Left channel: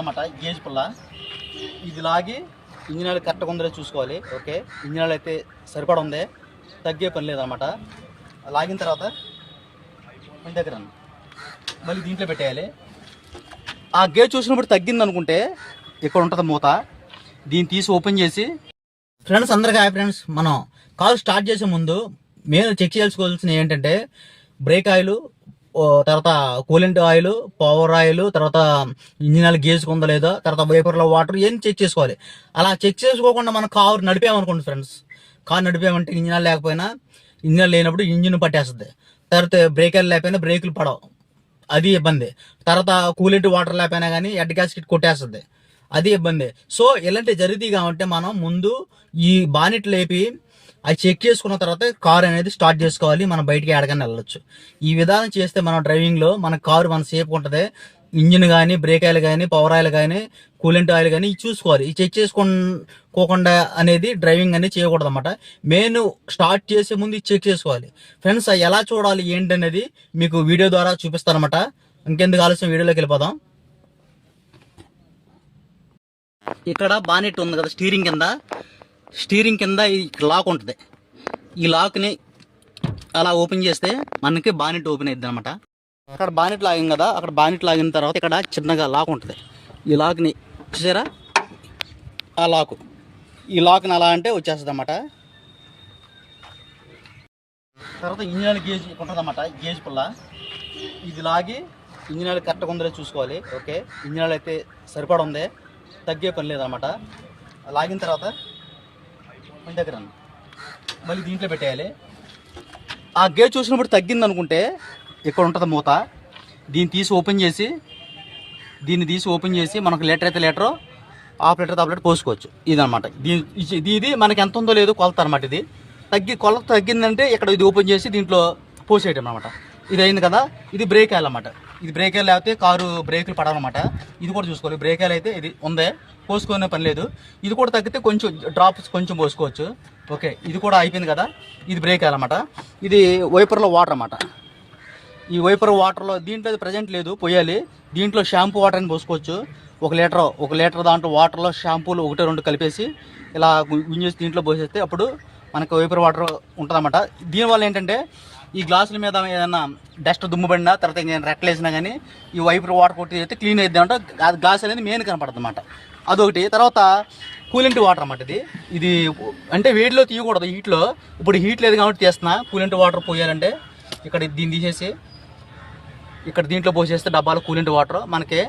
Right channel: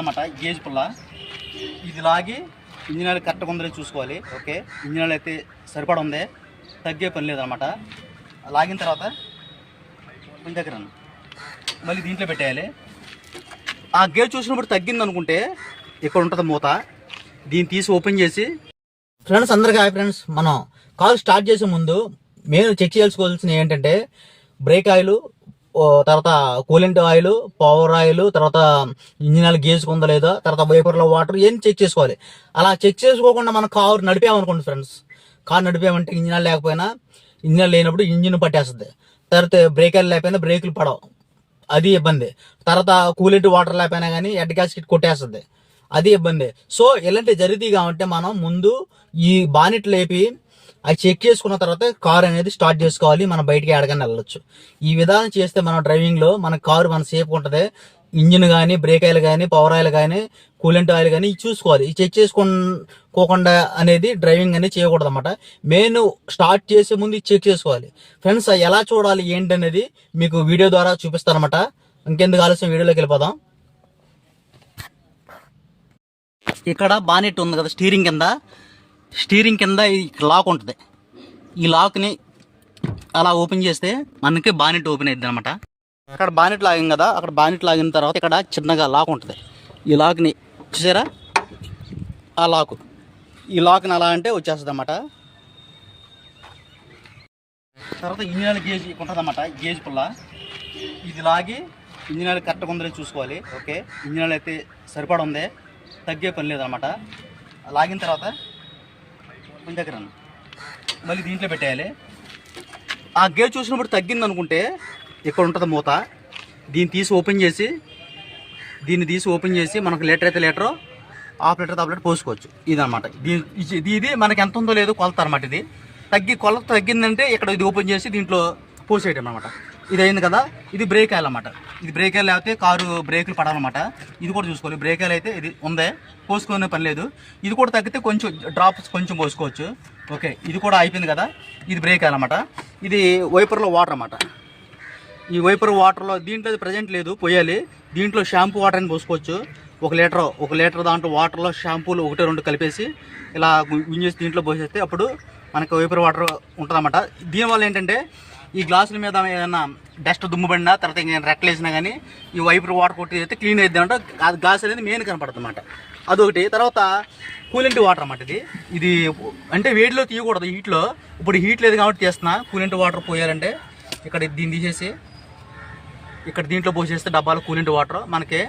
అన్నమాట గేజ్ పుల్ల ఇది లాగి ఇంజిన్ ఆయిల్ కరెక్ట్గా ఉందో చూసుకోవాలి. ఓకే, ఇంజిన్ ఆయిల్ అయితే సరిపడా ఉంది, తగ్గే పని లేదనమాట. లాగిన తర్వాత ఇంటి దగ్గర మళ్ళీ దీంట్లో పెట్టేయాలి. ఆ గేజ్ చూసినప్పుడు తగ్గింది అనుకుంటే ఇక్కడ ఉంటుంది మూత, దీన్ని తీసి ఓపెన్ చేసి. ఫ్రెండ్స్ అందరికీ హాయ్ ఫ్రెండ్స్. మనం కార్ స్టార్ట్ చేసే ముందు మెయిన్ చెక్ చేసుకోవాల్సింది ఏంటంటే బ్రేక్ ఆయిల్, తర్వాత కూలెంట్ ఆయిల్, పవర్ ఆయిల్, తర్వాత ఇంజిన్ ఆయిల్ గేజ్ ఉందా లేదా, తర్వాత వైపర్లో వాటర్ ఏం చెక్ చేసుకోవాలి. అలా చెక్ చేసుకోకుండా మనం కారు నడిపామనుకోండి ఫ్రెండ్స్, కారు నడిపామంటే ఇంజిన్ ఆయిల్ లేకపోయినా, ఇంజిన్ ఆయిల్ లేనప్పుడు ఇంజిన్ పట్టేస్తుంది. తర్వాత బ్రేక్ ఆయిల్ లేకపోయినా బ్రేకులు పడవు, అది ఇబ్బంది. తర్వాత కూలెంట్ వాటర్ లేకపోయినా కానీ హెడ్ గ్యాస్కెట్ కొట్టేస్తుంది, అది ఇబ్బంది. సో ఇలాంటి జరిగితే కాబట్టి మనం ముందు ఈ బానెట్ లేపి అది చెక్ చేసుకున్న తర్వాత కార్ అనేది స్టార్ట్ చేసుకోవాలి. మనం బయటికి ఎడగానే వెళ్ళొచ్చు. ఈ విధానం చేస్తే మన డ్రైవింగ్లో మన కారు మన సేఫ్ ఉంటుంది. ఇంజిన్ కానీ, బ్రేక్ ఆయిల్ కానీ, పవర్ ఆయిల్ కానీ, కూలెంట్ ఆయిల్ కానీ చూసుకోవాలి. ఈ చెక్ చేసుకోకుండా అనేది డ్రైవింగ్ అనేది చేయకూడదు అనమాట. మెయిన్ స్టార్ట్ చేసే ముందు చెక్ చేసుకోవాలి. ఫ్రెండ్స్ ఎలా చూడాలి ఏంటి అనేది మీకు వీడియో ద్వారా చూపిస్తారనమాట. ఇంకెందుకు ఆలస్యం, వీడియోలోకి వెళ్ళిపోదాం. ఇక్కడ బానెట్ ఉంది కదా, స్టీరింగ్ కింద ఈ లాక్ ఉంటుంది. ఈ లాక్ని అలా ఓపెన్ చేస్తే మనకి బానెట్ ఓపెన్ అవుతుంది అనమాట. అక్కడ బానెట్ లాగాం కదా, అక్కడ బానెట్ లాగిన తర్వాత ఇక్కడ చిన్నగా లాక్ ఉంటుంది. ఈ లాక్ని చూసారా, ఆ ఈ లాక్ని అలా అంటే వచ్చేస్తుంది అన్నమాట. తర్వాత ఇంజిన్ ఆయిల్ గేజ్ ఉంటుంది అన్నమాట, గేజ్ పుల్ల ఇది లాగి ఇంజిన్ ఆయిల్ కరెక్ట్గా ఉందో చూసుకోవాలి. ఓకే, ఇంజిన్ ఆయిల్ అయితే సరిపడా ఉంది, తగ్గే పని లేదనమాట. లాగిన తర్వాత ఇంటి దగ్గర మళ్ళీ దీంట్లో పెట్టేయాలి. ఆ గేజ్ చూసినప్పుడు తగ్గింది అనుకుంటే ఇక్కడ ఉంటుంది మూత, దీన్ని తీసి ఓపెన్ చేసి మనకు లీటర్ అయితే litre, half litre half litre పోసుకోవచ్చు. ఇదనమాట. ఇది మనకి ఎంత ఉందో లేదో కొలత అనమాట. ఇది కొలత తగ్గిందంటే ఇక్కడ ఇది ఓపెన్ చేసి దీంట్లో పోసేయటం అనమాట. ఇది అయింది కదా, ఇది బ్రేక్ ఆయిల్ అనమాట. ఇది బ్రేక్ ఆయిల్ లేకపోతే కారు బ్రేకులు పడాలన్నమాట. ఇది కూడా చూసుకోవాలి. బ్రేక్ ఆయిల్ అయితే ఇది ఉందే, పోసుకునే పని లేదు. ఇది కూడా తగ్గితే కొంచెం డ్రాప్స్ కొంచెం పోసుకోవచ్చు. ఓకే, ఇది కూడా అయిపోయింది కదా. ఇది బ్రేక్ ఆయిల్ అనమాట. ఇది వైపర్లో వాటర్ అనమాట. ఈ వైపర్ వాటర్లో దీంట్లో ప్రజెంట్ లేదు, పోయాలి. దీంట్లో షాంపూ వాటర్ అని పోసుకోవచ్చు. ఒక లీటర్ దాంట్లో వాటర్లో షాంపూలు 1-2 కలిపేసి ఇలా గుంజేసి దీంట్లో పోసేస్తే అప్పుడు మనకి వైపర్ వాటర్ ఉంటుందన్నమాట. దీనివల్ల ఏంటంటే ఈ గ్లాసుల మీద ఏదైనా డస్ట్ దుమ్ము పడినా, తర్వాత రెక్కలేసినా కానీ ఈ వైపర్ వాటర్ కొట్టి అయితే క్లీన్ అవుతుంది అంట. అది గ్లాస్ అనేది మెయిన్ కనపడుతుంది అన్నమాట. అదొకటి. తర్వాత కూలెంట్ వాటర్ అన్నమాట. ఇది అంటే వేడిలో తీయకూడదు, హీట్లో. ఇప్పుడు హీట్ లేదు కాబట్టి తీస్తున్నా. కూలెంట్ వాటర్ పోయాలంటే ఇక్కడ దీన్ని తీసేసి ఇక్కడ దీంట్లో పోసేస్తే డబ్బాలో కూలెంట్ వాటర్ మనకి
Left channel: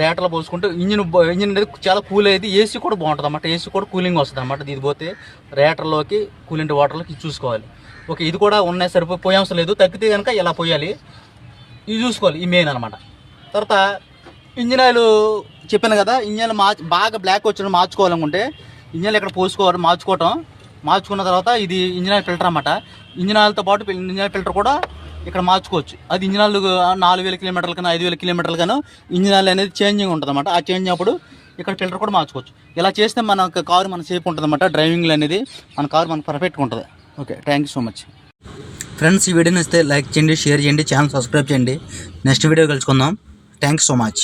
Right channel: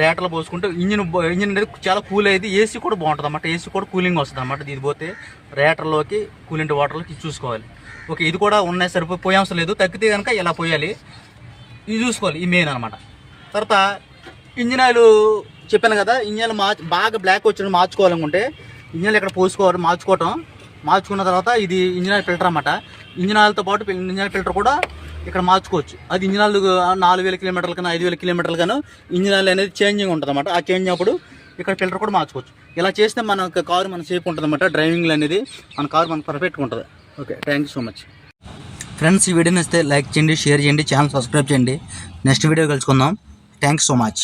రేటర్లో పోసుకుంటే ఇంజిన్ అనేది చాలా కూల్ అయ్యేది. ఏసీ కూడా బాగుంటుంది అన్నమాట. ఏసీ కూడా కూలింగ్ వస్తుంది అన్నమాట. ఇది పోతే రేటర్లోకి కూలెంట్ వాటర్లోకి చూసుకోవాలి. ఓకే, ఇది కూడా ఉన్నాయి, పోయే అవసరం లేదు. తగ్గితే కనుక ఇలా పోయాలి, ఇది చూసుకోవాలి. ఈ మెయిన్ అనమాట. తర్వాత ఇంజిన్ ఆయిల్ చెప్పాను కదా, ఇంజిన్ ఆయిల్ బాగా బ్లాక్ వచ్చిన మార్చుకోవాలనుకుంటే ఇంజిన్ ఆయిల్ ఇక్కడ పోసుకోవాలి. మార్చుకున్న తర్వాత ఇది ఇంజిన్ ఆయిల్ ఫిల్టర్ అనమాట. ఇంజిన్ ఆయిల్తో పాటు ఇంజిన్ ఆయిల్ ఫిల్టర్ కూడా ఇక్కడ మార్చుకోవచ్చు. అది ఇంజిన్ ఆయిల్ 4000 కిలోమీటర్లకన్నా 5000 కిలోమీటర్లకన్నా ఇంజిన్ ఆయిల్ అనేది చేంజింగ్ ఉంటుంది అనమాట. ఆ చేంజ్ అప్పుడు ఇక్కడ ఫిల్టర్ కూడా మార్చుకోవచ్చు. ఇలా చేస్తే మన కారు మన సేఫ్ ఉంటుంది అనమాట. డ్రైవింగ్లో అనేది మన కారు మనకు పర్ఫెక్ట్గా ఉంటుంది. Okay, thank you so much friends. ఈ వీడియోని ఇస్తే లైక్ చేయండి, షేర్ చేయండి, ఛానల్ సబ్స్క్రైబ్ చేయండి. నెక్స్ట్ వీడియో కలుసుకుందాం. Thanks so much.